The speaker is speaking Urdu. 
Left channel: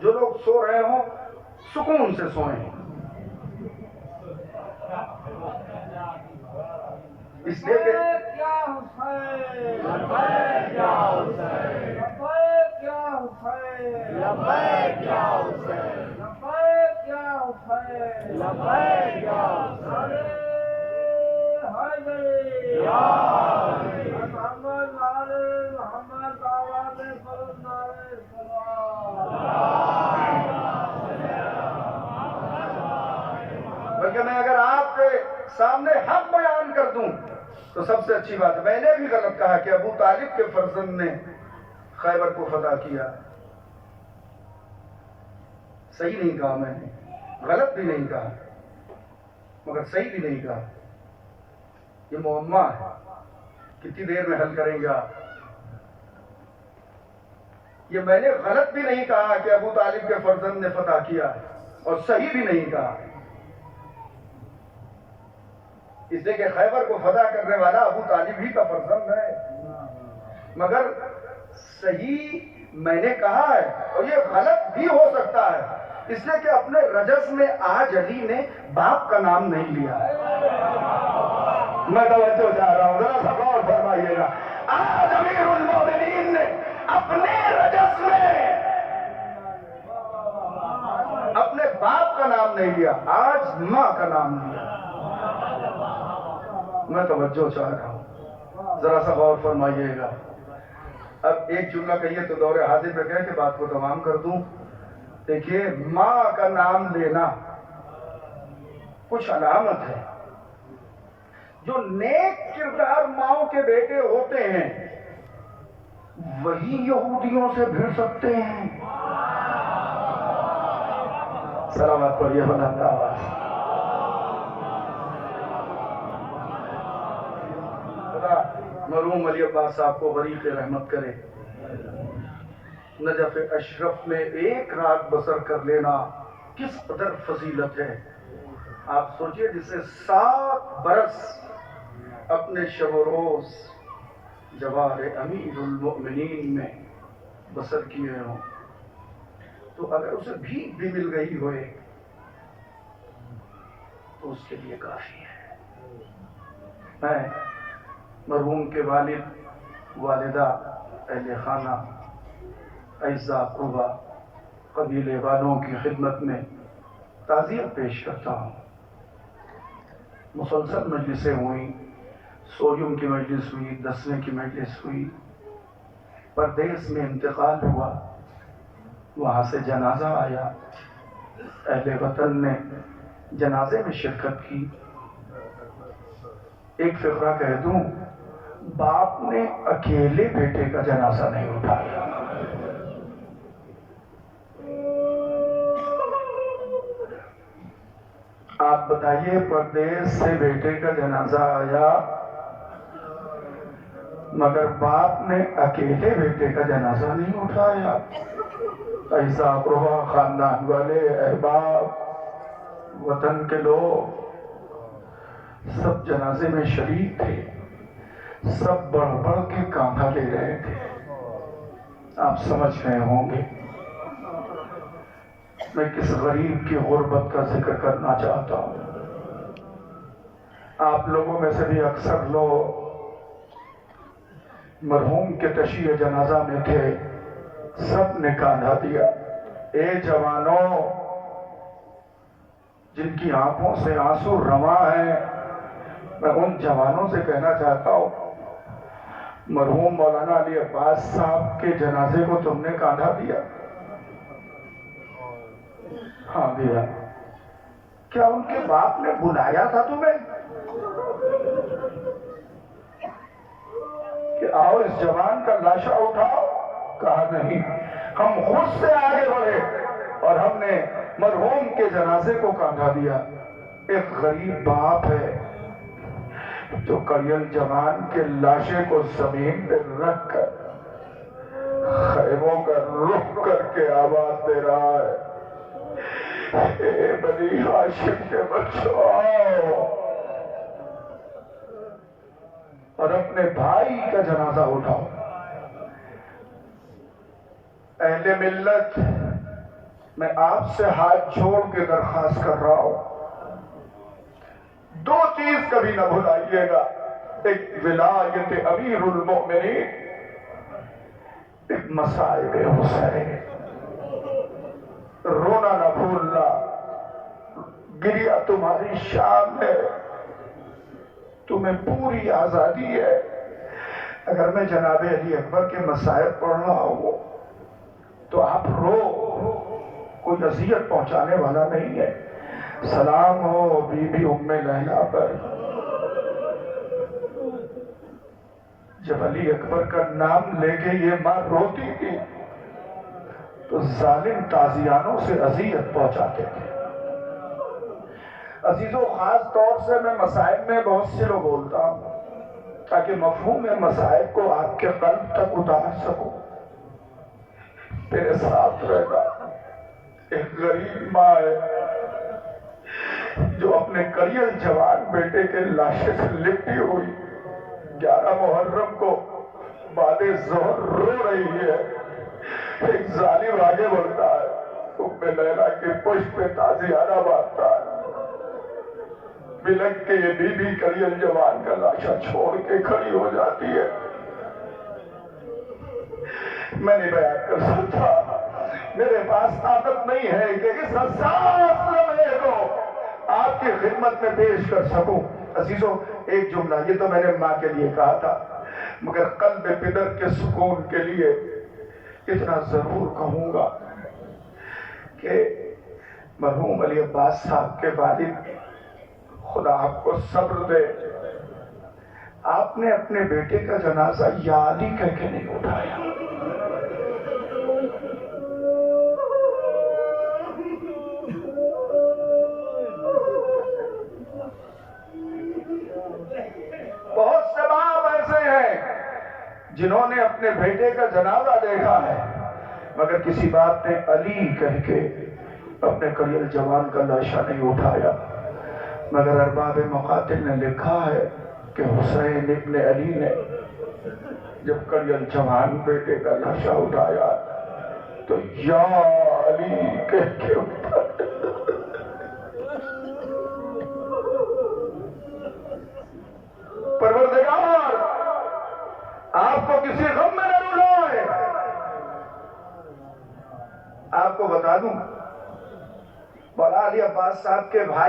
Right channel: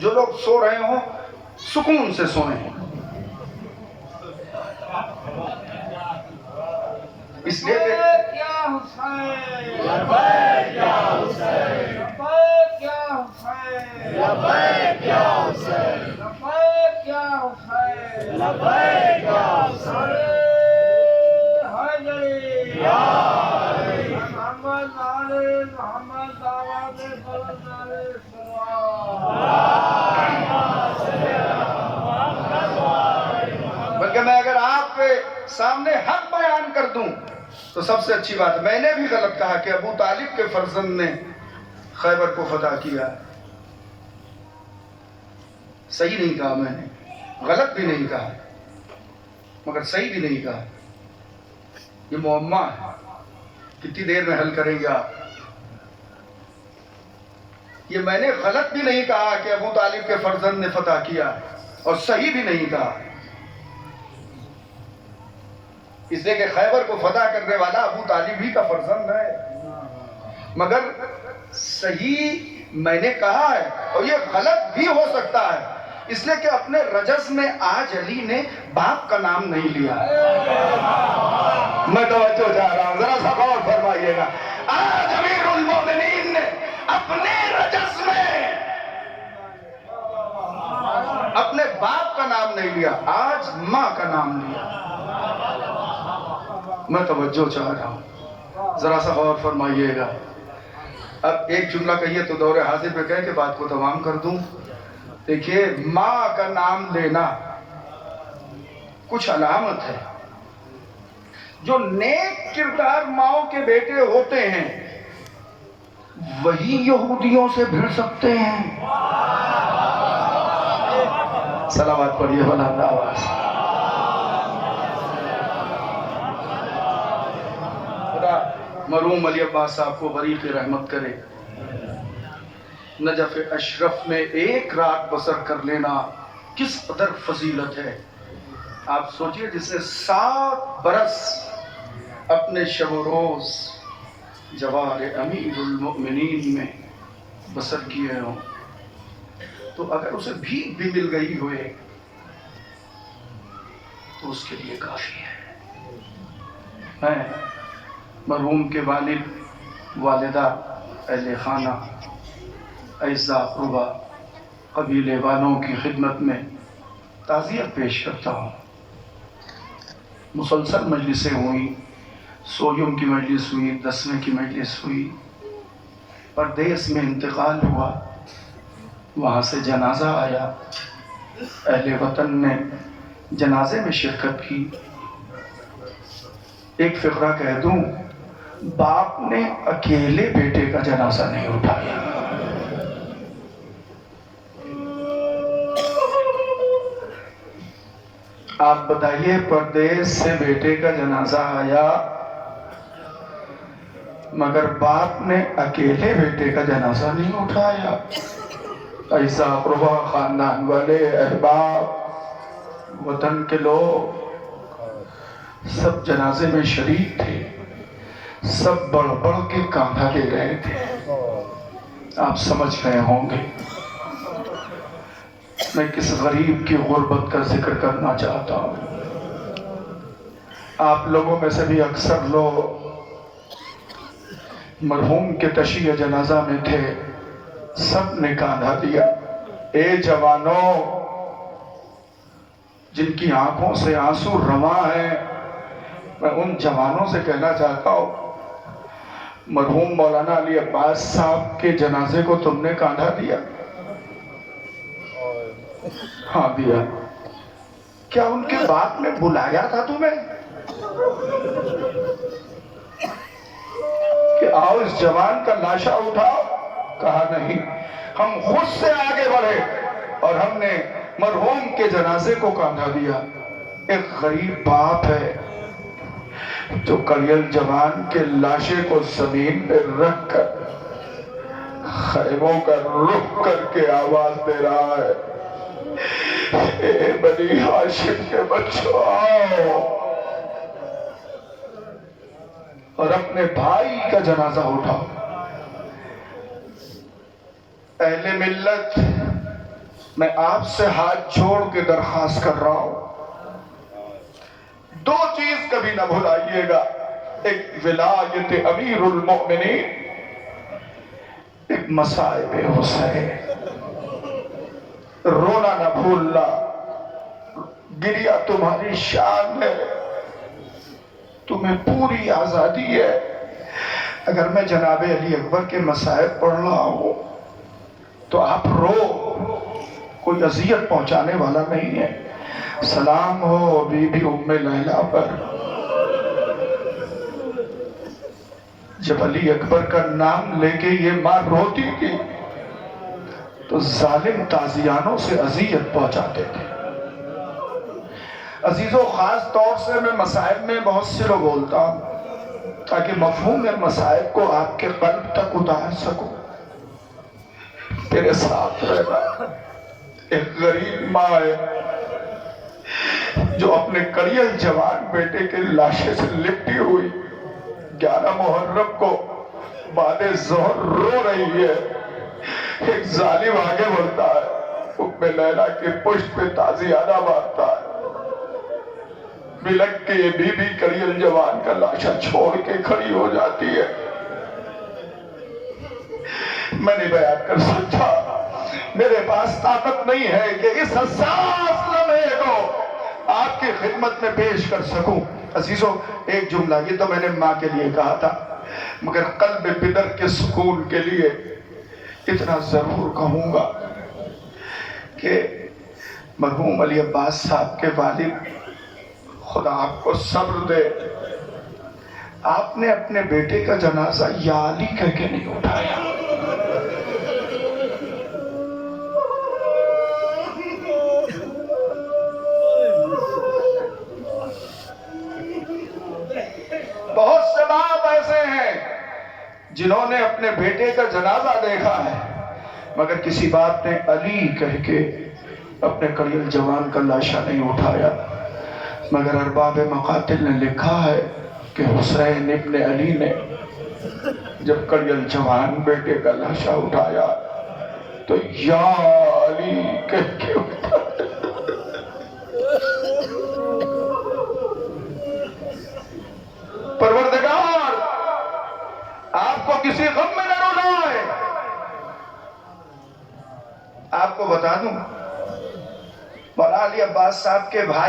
جو لوگ سو رہے ہوں سکون سے سوئیں، اس لیے کہ بلکہ میں اگر آپ کے سامنے حق بیان کر دوں تو سب سے اچھی بات، میں نے بھی غلط کہا کہ ابو طالب کے فرزند نے خیبر کو فتح کیا، صحیح نہیں کہا میں نے، غلط بھی نہیں کہا مگر صحیح بھی نہیں کہا۔ یہ معمہ ہے، کتنی دیر میں حل کریں گے آپ؟ یہ میں نے غلط بھی نہیں کہا کہ ابو طالب کے فرزند نے فتح کیا، اور صحیح بھی نہیں کہا، اس لیے کہ خیبر کو فتح کرنے والا ابو طالب ہی کا فرزند ہے، مگر صحیح میں نے کہا ہے، اور یہ غلط بھی ہو سکتا ہے، اس لیے کہ اپنے رجز میں آج علی نے باپ کا نام نہیں لیا۔ میں توجہ چاہ رہا ہوں، ذرا سا غور فرمائیے گا، آج امیر المومنین نے اپنے رجز میں اپنے باپ کا نام نہیں لیا، آج ماں کا نام لیا۔ میں توجہ چاہ رہا ہوں، ذرا سا غور فرمائیے گا۔ اب ایک جملہ کہیے تو دور حاضر پہ کہیں کہ بات کو تمام کر دوں۔ دیکھیے، ماں کا نام لینا کچھ علامت ہے۔ جو نیک کردار ماؤں کے بیٹے ہوتے ہیں وہی یہودیوں سے بھڑ سکتے ہیں۔ سلامات پڑھیے بلند آواز۔ خدا مرحوم علی عباس صاحب کو غریق رحمت کرے۔ نجف اشرف میں ایک رات بسر کر لینا کس قدر فضیلت ہے۔ آپ سوچئے، جس نے 7 برس اپنے شب و روز جوار امیر المؤمنین میں بسر کیے ہوں، تو اگر اسے بھیک بھی مل گئی ہوئے تو اس کے لیے کافی ہے۔ میں مرحوم کے والد، والدہ، اہل خانہ، اعزاء اقربا، قبیلے والوں کی خدمت میں تعزیت پیش کرتا ہوں۔ مسلسل مجلسیں ہوئیں، سویم کی مجلس ہوئی، 10ویں کی مجلس ہوئی، پردیس میں انتقال ہوا، وہاں سے جنازہ آیا، اہل وطن نے جنازے میں شرکت کی۔ ایک فقرہ کہہ دوں، باپ نے اکیلے بیٹے کا جنازہ نہیں اٹھایا۔ آپ بتائیے، پردیس سے بیٹے کا جنازہ آیا مگر باپ نے اکیلے بیٹے کا جنازہ نہیں اٹھایا۔ اعزاء اقربا، خاندان والے، احباب، وطن کے لوگ سب جنازے میں شریک تھے، سب بڑھ بڑھ کے کاندھا لے رہے تھے۔ آپ سمجھ رہے ہوں گے میں کس غریب کی غربت کا ذکر کرنا چاہتا ہوں۔ آپ لوگوں میں سے بھی اکثر لوگ مرحوم کے تشییع جنازہ میں تھے، سب نے کاندھا دیا۔ اے جوانوں، جن کی آنکھوں سے آنسو رواں ہیں، میں ان جوانوں سے کہنا چاہتا ہوں، مرحوم مولانا علی عباس صاحب کے جنازے کو تم نے کاندھا دیا؟ ہاں دیا۔ کیا ان کے باپ نے بلایا تھا تمہیں کہ آؤ اس جوان کا لاشا اٹھاؤ؟ کہا نہیں، ہم خود سے آگے بڑھے اور ہم نے مرحوم کے جنازے کو کاندھا دیا۔ ایک غریب باپ ہے جو کڑیل جوان کے لاشے کو زمین پہ رکھ کر خیموں کا رخ کر کے آواز دے رہا ہے، اے بنی ہاشم کے بچوں آؤ، اور اپنے بھائی کا جنازہ اٹھاؤ۔ اہل ملت میں آپ سے ہاتھ جوڑ کے درخواست کر رہا ہوں، دو چیز کبھی نہ بھلائیے گا، ایک ولایت امیر المؤمنین، ایک مصائب حسین، رونا نہ بھولنا، گریا تمہاری شان ہے، تمہیں پوری آزادی ہے۔ اگر میں جناب علی اکبر کے مصائب پڑھ رہا ہوں تو آپ رو، کوئی اذیت پہنچانے والا نہیں ہے۔ سلام ہو بی بی ام لیلہ پر، جب علی اکبر کا نام لے کے یہ ماں روتی تھی تو ظالم تازیانوں سے اذیت پہنچاتے تھے۔ عزیزوں، خاص طور سے میں مصائب میں بہت سے لوگ بولتا ہوں تاکہ مفہوم مصائب کو آپ کے قلب تک اتار سکوں۔ تیرے ساتھ رہنا، ایک غریب ماں ہے جو اپنے کڑیل جوان بیٹے کے لاشے سے لپٹی ہوئی 11 محرم کو بعد ظہر رو رہی ہے۔ ایک ظالم آگے بڑھتا ہے، ام لیلہ کے پشت پہ تازیانہ مارتا ہے، بلک کے یہ بی بی کڑیل جوان کا لاشا چھوڑ کے کھڑی ہو جاتی ہے۔ میں نہیں بیان کر سکتا، میرے پاس طاقت نہیں ہے کہ اس حساس لمحے کو آپ کی خدمت میں پیش کر سکوں۔ عزیزوں، ایک جملہ، یہ تو میں نے ماں کے لیے کہا تھا، مگر قلب پدر کے سکون کے لیے اتنا ضرور کہوں گا کہ مرحوم علی عباس صاحب کے والد، خدا آپ کو صبر دے، آپ نے اپنے بیٹے کا جنازہ یا علی کہہ کے نہیں اٹھایا۔ بہت سے باپ ایسے ہیں جنہوں نے اپنے بیٹے کا جنازہ دیکھا ہے مگر کسی باپ نے علی کہہ کے اپنے کڑیل جوان کا لاشا نہیں اٹھایا۔ مگر ارباب مقاتل نے لکھا ہے کہ حسین ابن علی نے جب کڑیل جوان بیٹے کا لاشا اٹھایا تو یا علی کہہ کے اٹھایا۔ پروردگار آپ کو کسی غم میں نہ رلائے۔ آپ کو بتا دوں، مولانا علی عباس صاحب کے بھائی